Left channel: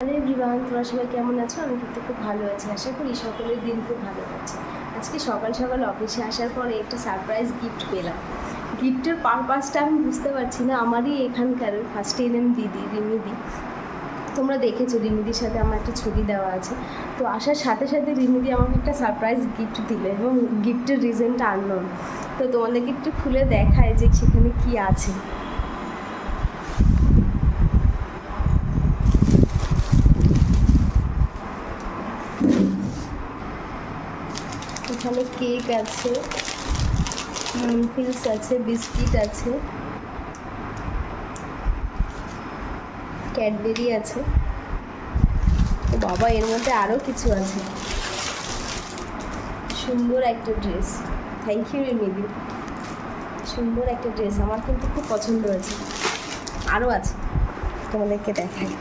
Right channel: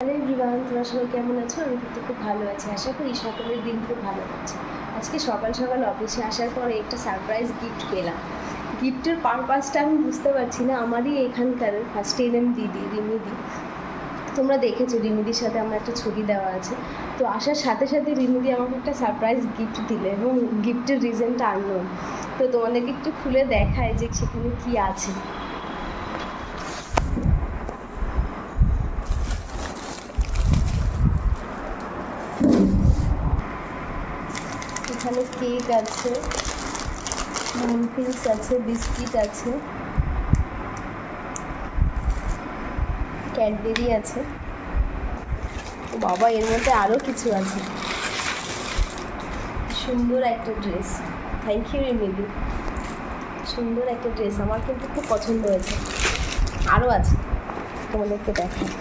Hello everyone, তোমরা সবাই কেমন আছো? আমি কিন্তু খুব ভালো আছি। আশা করি সকলের দিন খুব ভালো যাচ্ছে। আজকে সকাল সকাল অফিসে আসার পরে একটা সারপ্রাইজ গিফট পেলাম। গিফটের পারপাসটা আমি বুঝতে পারছি না। আমারই এখানকার ফার্স্ট এনএম দিদি রিমিদি, তোমরা দেখেছো রিমিদির সাথে আমার একটা ছবি দেওয়া আছে। তো আসার সাথে সাথে রিমিদি আমাকে একটা সারপ্রাইজ গিফট দিলে এবং গিফটের রিজনটা আননোন। তো তোমাদেরকে একটু খুলে দেখায় যে সেখানে কী আছে। এখানে কেক আছে, মানফিংস আছে, বিস্কিট আছে, ক্যাডবেরি আছে। ও বাবা, এর মধ্যে আরও কিছু আছে। সুন্দর একটা ড্রেস। থ্যাংক ইউ রিমিদি, সুন্দর একটা ড্রেস, আমার কিন্তু খুব পছন্দ হয়েছে। আরও আছে, তোমাদেরকে দেখাই।